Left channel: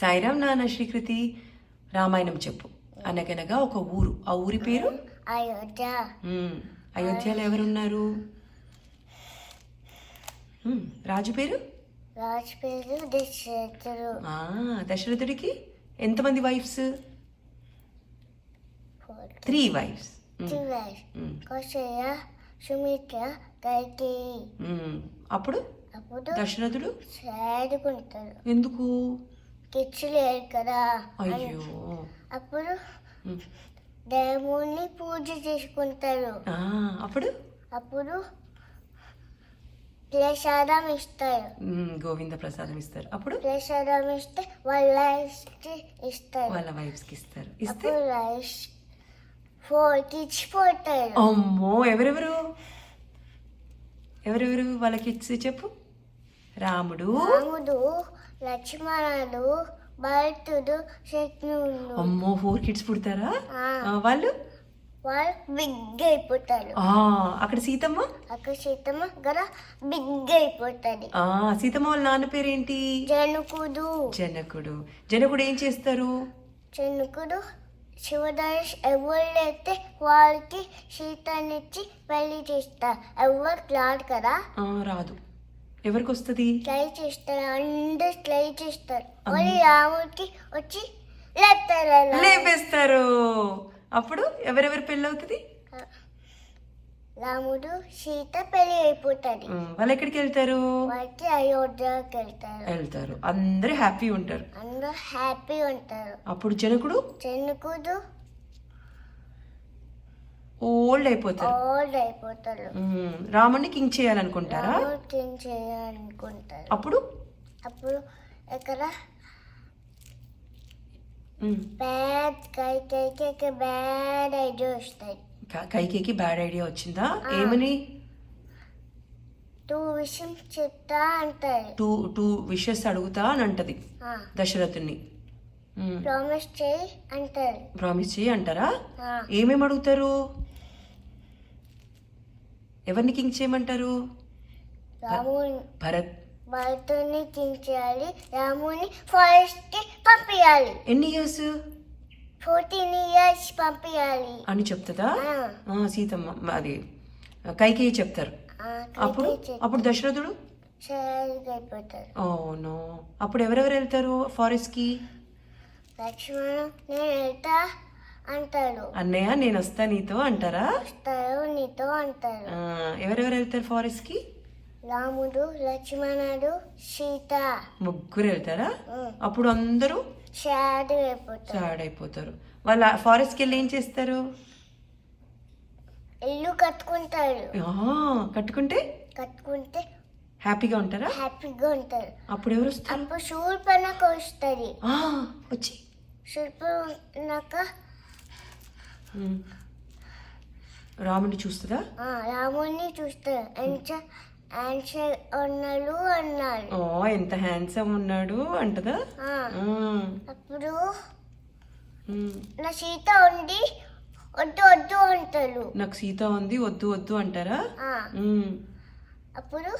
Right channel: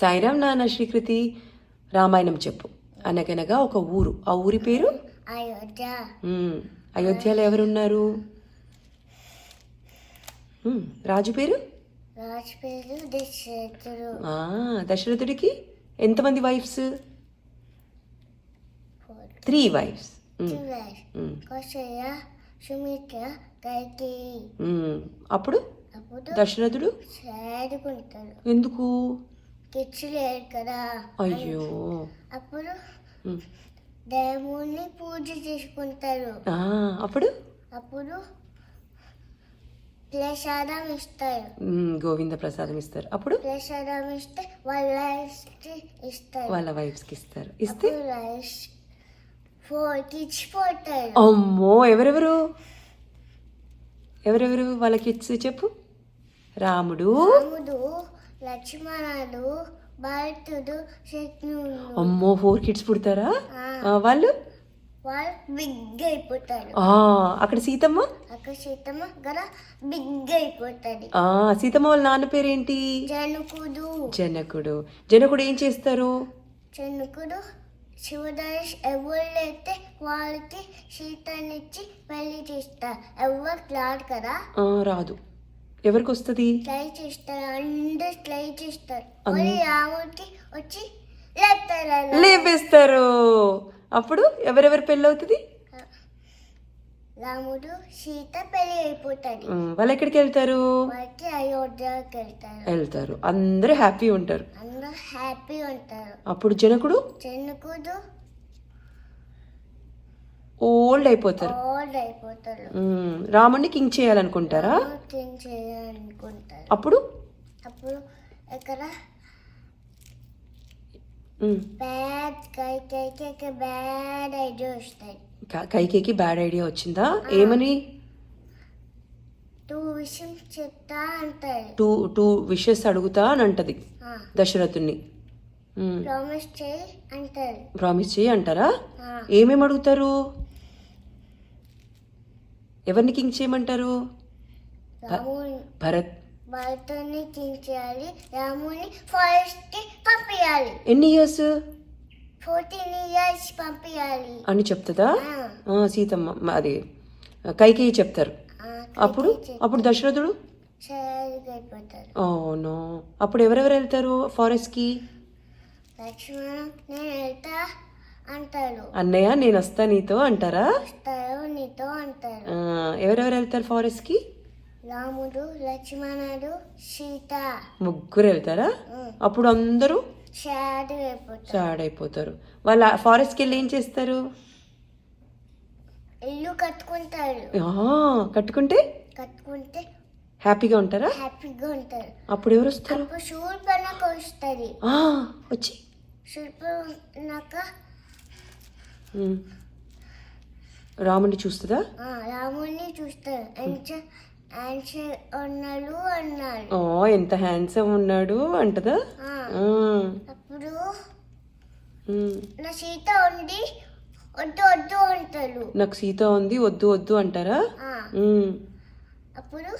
సాయిరామ్ నాన్న శ్రీకృతి రామాయణం చెప్పు. అనగనగా ఒక ఊరు, ఆ ఊరి పేరు అయోధ్య. అయోధ్యలో ఎవరున్నారు? రాజు పేరు రాజు పేరు దశరథుడు. దశరథుడికి ఎంతమంది వైఫ్స్? 3 వైఫ్స్. కౌశల్య, సుమిత్ర, కైకేయి. అప్పుడు దశరథుడు చేరుకుంటాడు. ఎందుకు? కిడ్స్ లేరు కదా. అయ్యో. అప్పుడు దేవుణ్ణి పూజ చేసుకుంటారు. అప్పుడు అప్పుడు ప్రసాదం ఇస్తారు. గోవింద ప్రసాదం ఇస్తారు. అప్పుడు ప్రసాదం ఇస్తే వాళ్ళ ఇస్తారు, వాళ్ళ వైఫ్స్ కి ఇస్తారు. ఇస్తే 4 kids పోతారు. అమ్మో, ఎవరెవరు ఎవరెవరు వాళ్ళ కిడ్స్ చెప్పు. రాముడు, లక్ష్మణుడు, భరతుడు, శత్రుఘ్నుడు. అమ్మో, 4 kids పుడతారా? వాళ్ళు బిగ్ అయిపోతారు. అక్కడ సీతమ్మ గల బిగ్ అయిపోతుంది. సీతమ్మ వాళ్ళ నాన్న పేరేంటి? జనకుడు. జనకుడు ఏం చేస్తారు? జనకుడు శివధనుష్ ఎవరైతే వాళ్ళకి సీతనిచ్చి పెళ్లి చేస్తారు. ఎవరు రాదు కదా. రాదు. ఎవరికి వస్తుంది? ట్రై చేస్తారు, అందరు ట్రై చేస్తారు. రాముడికి వచ్చి లేపేస్తారు. అప్పుడు ఎవరెవరి పెళ్ళి అవుతుంది? రాముడు సీత పెళ్లి అయిపోతుంది. వాళ్ళు ఎక్కడికి వెళ్తారు? వాళ్ళకి అయోధ్యకి వెళ్తారు. అందరూ హ్యాపీ ఉంటారు. అప్పుడు జనకుడు ఓల్డ్ అయిపోతారు. రాముడిని కింగ్ చేయాలనుకుంటారా? అప్పుడు ఇక్కడ కైకేయికి బ్యాడ్ ఐడియా వచ్చిందా? ఏమని? 2 wishes చెప్తా అంటారు. 2 wishes అడుగుతా అని అంటది దశరథుని. ప్రామిస్ చేయి అంటారా? ఏమేమి అడుగుతారు? ఎవరిని కింగ్ చేయమంటారు? భరతుని కింగ్ చేయాలి. రాముని ఫారెస్ట్ కి పంపించాలి. ఎన్ని ఇయర్స్? 14 years పంపించాలి అని చెప్తుందా సీతమ్మ? అది కైకేయి చెప్తారు. అప్పుడు దశరథుడు అవును. అప్పుడు ఎవరెవరు వెళ్తారు ఫారెస్ట్ కి? లక్ష్మణుడు నేను వెళ్తా అంటాడు. అన్నయ్య నేను వస్తా నీతో అంటారా? నీతో అంటారు. ఎవరెవరు వెళ్తారు ఫారెస్ట్ కి? రాముడు, లక్ష్మణుడు, సీత. ముగ్గురు వెళ్తారా? అప్పుడు అందరూ సాడ్ అయిపోతారు. వాళ్ళ ఫారెస్ట్ కి వెళ్ళి ఏం చేస్తారు? ఇల్లు కట్టుకుంటారు. కట్టుకుంటే హ్యాపీగా ఉంటారు. అప్పుడు ఎవరు వస్తారు? అప్పుడు శూర్పణఖ వస్తుంది. వచ్చి శూర్పణఖ రాముడిని చూస్తుందా? రాముడిని చూస్తారు. అన్నాడు. ఎంత హ్యాండ్సమ్ ఉన్నాడు అంటదా? అప్పుడు నా సీత ఉంది వద్దు వద్దు అంటాడు. నాకు సీత ఉంది వద్దు వద్దు అంటారా? అప్పుడు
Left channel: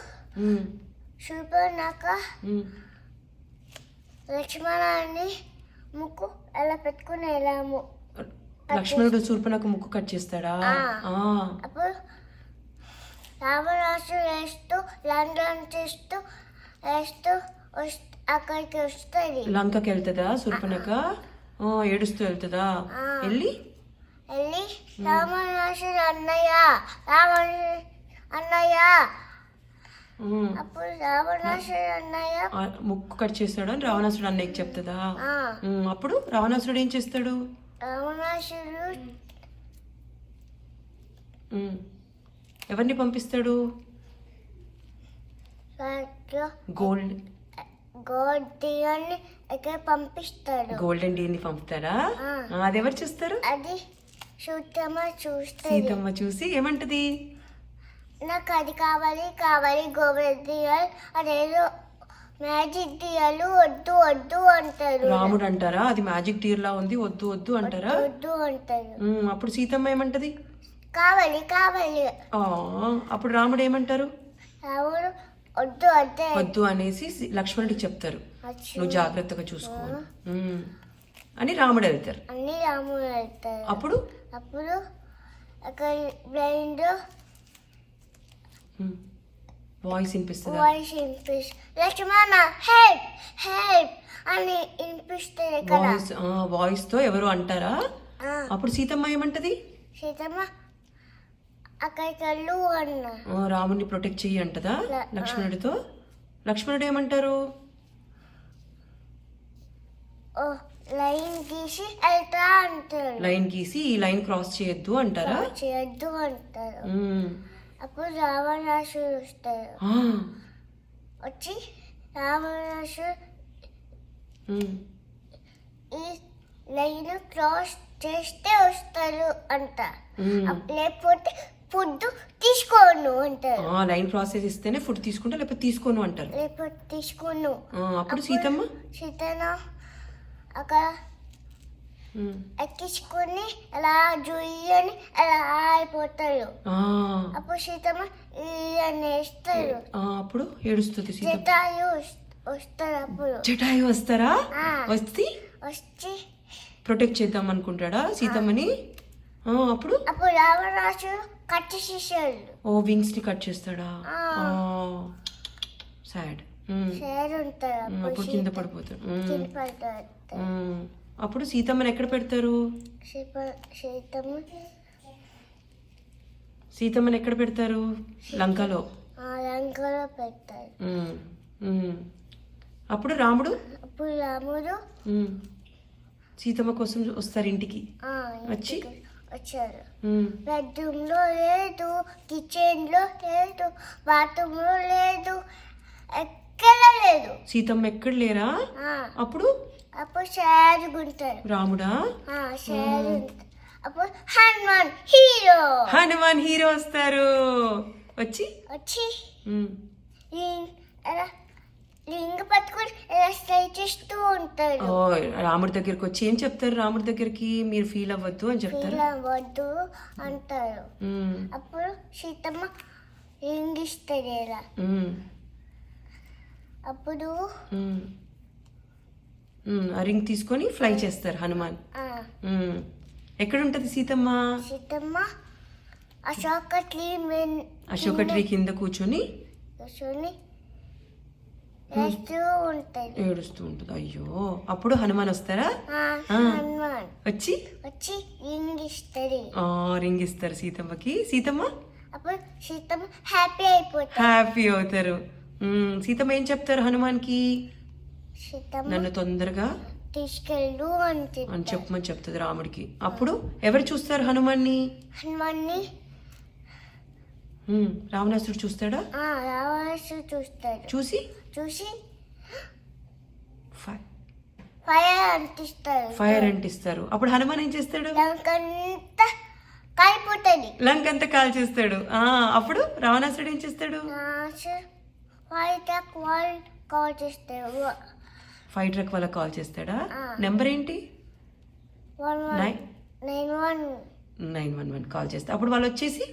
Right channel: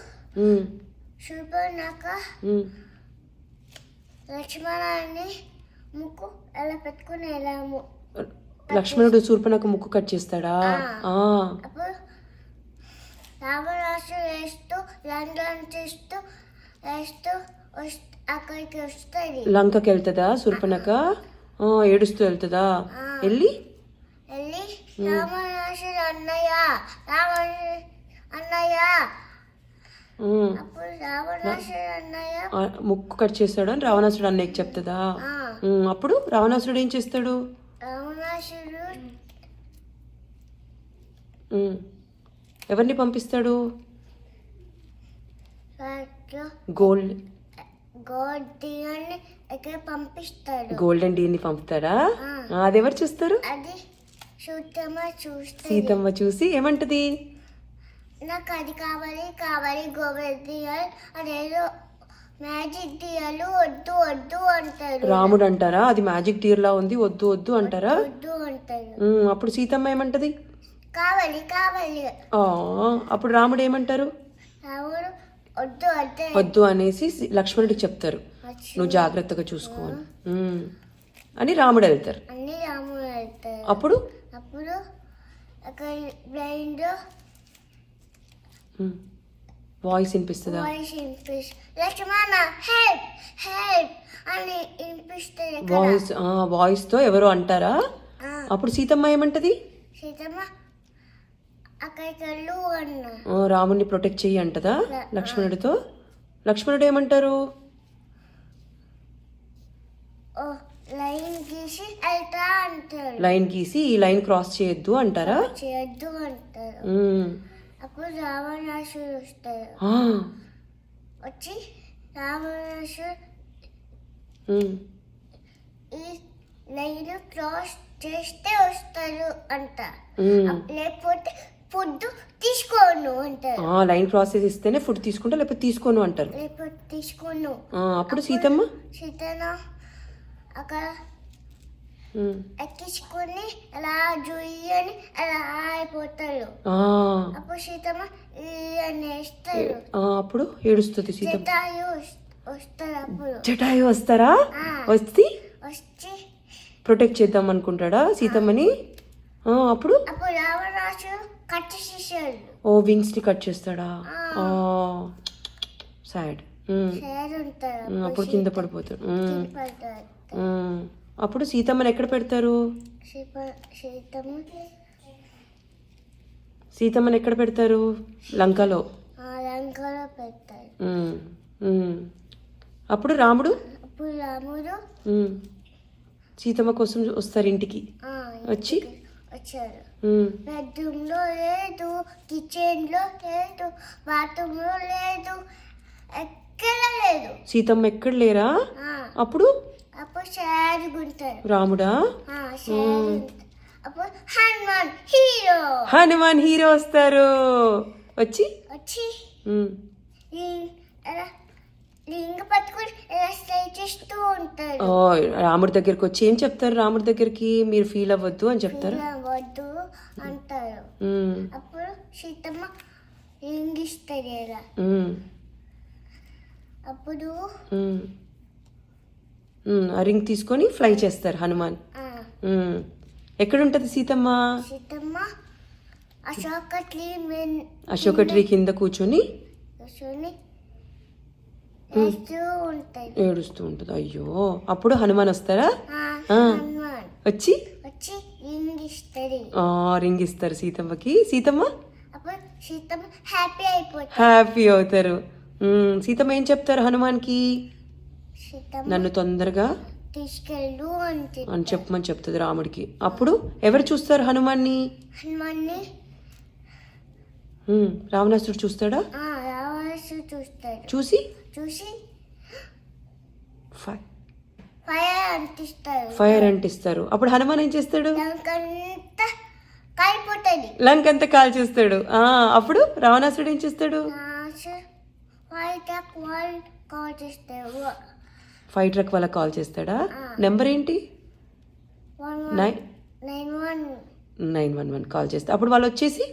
శూర్పణఖ లక్ష్మణుని ముక్కు ఎలా పెట్టుకుని వెళ్ళాము. లక్ష్మణుడు శూర్పణఖ ముక్కు కట్ చేస్తాడా? అప్పుడు రావణాసుడు వేస్తూ లండన్ చేస్తూ అక్కడికి వస్తుంది. లంకకి వెళ్తుందా శూర్పణఖ? ఏడుస్తూ వెళ్తుందా? వెళ్ళి రావణాసుడు అన్నయ్య అప్పుడు రావణాసుడు అన్నయ్య ముక్కు కట్ చేస్తాడు అని రావణాసుడు అన్నయ్యకి చెప్తుందా? అప్పుడు రావణాసుడు ఏం చేస్తాడు? రావణాసుడు ఎవరిని పంపిస్తాడు? గోల్డ్ పంపిస్తాడు. గోల్డెన్ డీని పంపుతాడా? అది ఎవరు చూస్తారు? అది సీతమ్మ చూసి ఏమంటది? నాకు అది కావాలి గోల్డెన్ డియర్ అదేదో మ్యాజిక్ డియర్లు వద్దు వద్దు అంటారు. రాముడు అంటారా అది మ్యాజిక్ డియర్ లా ఉంది వద్దు వద్దు అంటారా? అప్పుడు సీతమ్మ ఏమంటది? కావాలి. అప్పుడు రాముడు ఏమంటారు? రాముడు వద్దు అంటే వద్దు అనేసి లక్ష్మణుడికి చెప్తారు, నువ్వు జాగ్రత్తగా చూసుకో అని రాముడు వెళ్తారు. అన్ని రాముడు వెళ్తారు. అప్పుడు అప్పుడు అక్కడ బ్లైండ్ వాయిస్ వినిపిస్తుంది. వాయిస్ లక్ష్మణ హెల్ప్ హెల్ప్ అని వినిపిస్తుంది కదా. వాయిస్ తో ఎవరో అంటారా? అప్పుడు సీతమ్మ ఏమంటది? సీతమ్మ అక్కడికి వెళ్ళు అన్న. రాముడిని ప్రొటెక్ట్ చెయ్యి అంటదా లక్ష్మణుడితో. లక్ష్మణుడు ఏమంటారు? లైన్ గీసి వెళ్తా అంటారు. లైన్ గీసి ఈ లైన్ క్రాస్ చేయొద్దు అంటారా? చేయొద్దు అంటారు. అప్పుడు రావణాసుడు వస్తాడు. వచ్చి రావణాసుడు ఈ లైన్ క్రాస్ చేస్తే వస్తారు అంట, లేకపోతే ఫుడ్ తీసుకోను అంటారు. లైన్ క్రాస్ ఇస్తేనే ఫుడ్ తీసుకుంటా, లేకపోతే తీసుకోను అంటారు. లేకపోతే తీసుకోను. అప్పుడు సీతమ్మ అక్కడ ఎక్కించుకొని అలా జుయ్యని అలా అయిపోతారు. అప్పుడు సీతమ్మ అని వేస్తారు. అప్పుడు ఏడుస్తుంది జటాయు వస్తారు. అప్పుడు జటాయు వస్తారా? వచ్చి ప్రొటెక్ట్ చేద్దాం అనుకుంటాడా సీతమ్మని? అప్పుడు రావణాసుడు కట్ చేసేసాడు. వింగ్స్ ని కట్ చేస్తాడా? సాడ్ ఉంటాడు. అప్పుడు కింద పడిపోతాడు. అప్పుడు సీతమ్మని ఎక్కడ పెడతారు? సీతమ్మని ఎక్కడ పెడతారు? లంకలో పెడతారు. అప్పుడు రాముడు సీతమ్మ కోసం వస్తారు ఇంటికి. వచ్చారు. బెడ్రూమ్ లో లేదు, కిచెన్ లో లేదు, బాత్రూమ్ లో లేదు, ఎక్కడ లేదు. సీతమ్మ ఎక్కడ లేరా? అప్పుడు షేరుగుంటారు. రాముడా? అప్పుడు హనుమాన్ హీరో వస్తారు. వచ్చి లింగ పట్టుకుని చేస్తూ ఉంటారు. రాముడి దగ్గరికి వచ్చి ఏం చెప్తారు? రాముడి దగ్గరికి మీరు ఫీల్ అవ్వద్దు అని చెప్తారు. అవ్వద్దు అంటారు. అప్పుడు సీతమ్మ లింగ్ ఇస్తారు ఇలా. అప్పుడు రింగ్ తీసుకొని ఫ్లై చేస్తారు హనుమాన్. ఎక్కడ ఉంటది సీతమ్మ? అశోక ట్రీ కింద కూర్చొని ఏడుస్తూ ఉంటది. అయ్యో, అప్పుడు హనుమాన్ వస్తారా? వచ్చి రింగ్ ఇస్తారు సీతమ్మకి. సీతమ్మ హ్యాపీ అవుతారు. సీతమ్మ ఏం చెప్తారు హనుమాన్ కి? నన్ను తొందరగా తీసుకెళ్ళు అని చెప్పమని చెప్తుంది రాముడికి. అప్పుడు ఎవరు చూస్తారు హనుమాన్ని? రావణాసుడు చూస్తాడా? చూసి ఫైర్ అంటిస్తారు. అప్పుడు హనుమాన్ ఏం చేస్తాడు? లంక అంతా కాల్ చేస్తాడు. అప్పుడు రావణాసుడు ఏం చేస్తాడు? ఫైర్ ట్రక్ వాళ్ళకి కాల్ చేస్తాడా? నెంబర్ ఏంటి? 911 కాల్ చేస్తా. అప్పుడు వాళ్ళు వచ్చేసి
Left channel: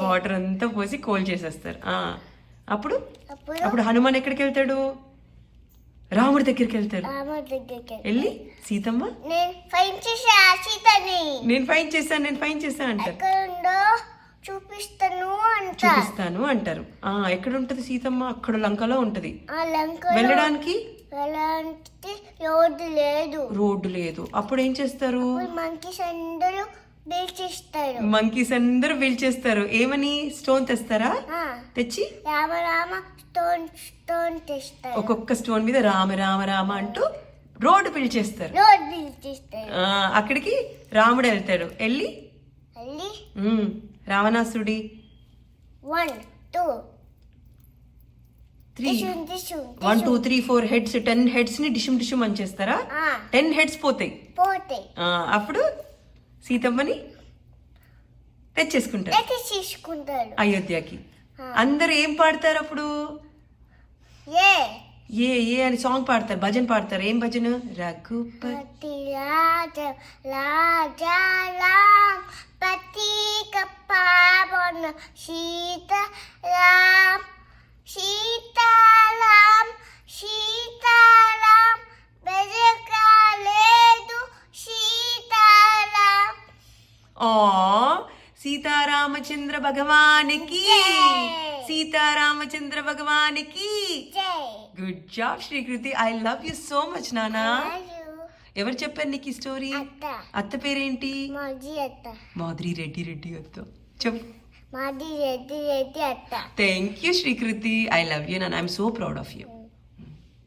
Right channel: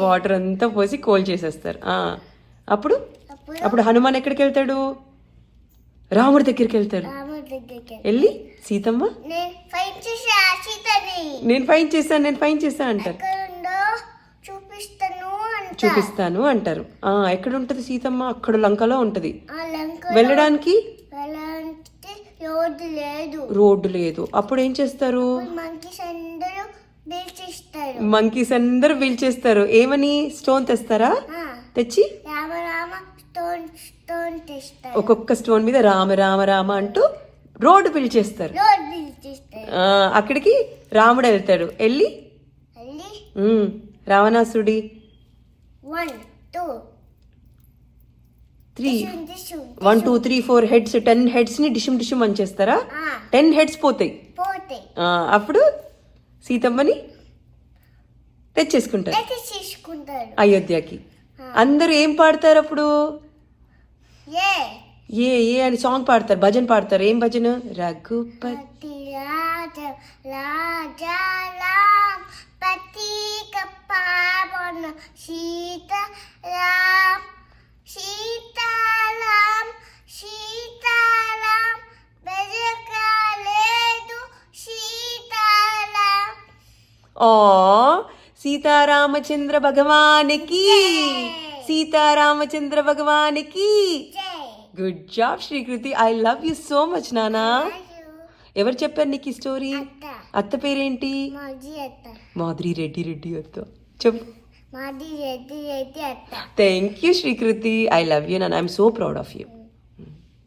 వాటర్ అంతా పోసి కోల్ చేసేస్తారు. అప్పుడు హనుమాన్ ఎక్కడికి వెళ్తాడు? రాముడి దగ్గరికి వెళ్తాడు. వెళ్ళి సీతమ్మ నేను ఫైన్ చేశాను అంటారు. చూపిస్తాను అంటారు. ఎక్కడ ఉంటది సీతమ్మ? అక్కడ లంకలో ఉంటది. వెళ్ళడానికి రోడ్డు లేదు. అప్పుడు ఏం చేస్తారు? మంకీస్ అందరూ పీల్చేస్తారు. ఏమని? స్టోన్ తెస్తారా? తెచ్చి ఒక్కొక్క స్టోన్ మీద రామ రామ రామ అంటూ రోడ్డు పీల్చేస్తారు. అక్కడికి రాముడు వెళ్తాడు. వెళ్ళి రావణాసుడి 1 2 3 4 హెడ్స్ 10 హెడ్స్ ని డిషుమ్ డిషుమ్ అని చేస్తారా? 10 హెడ్స్ పోతాయి. అప్పుడు సీతమ్మని తెచ్చేసుకుంటారు అయోధ్యకి. అందరు ఏం పాడతారు అప్పుడు? ఏ అని సాంగ్ పాడతారు, భజన పాడతారు. ఏం భజన? రఘుపతి రాజా రాజా రామ్ కత్తిక పావన సీతారాం సీతారాం సీతారాం బెజకాలేదు సీతారాం. ఓ సీతారామచంద్ర భగవానికి, సీతారామచంద్ర భగవానికి. జై. Good job Srikriti. I love you so much నానా. ఎవరు చెప్పారు నీకు ఈ స్టోరీ? అత్త అత్త పేరేంటి? మాది అత్త మాధురి రెడ్డి రెడ్డి అత్త. చెప్పు. మాది రెడ్డి రెడ్డి అత్త. Thank you Srikriti. I love you నాన్న. I'm so proud of you.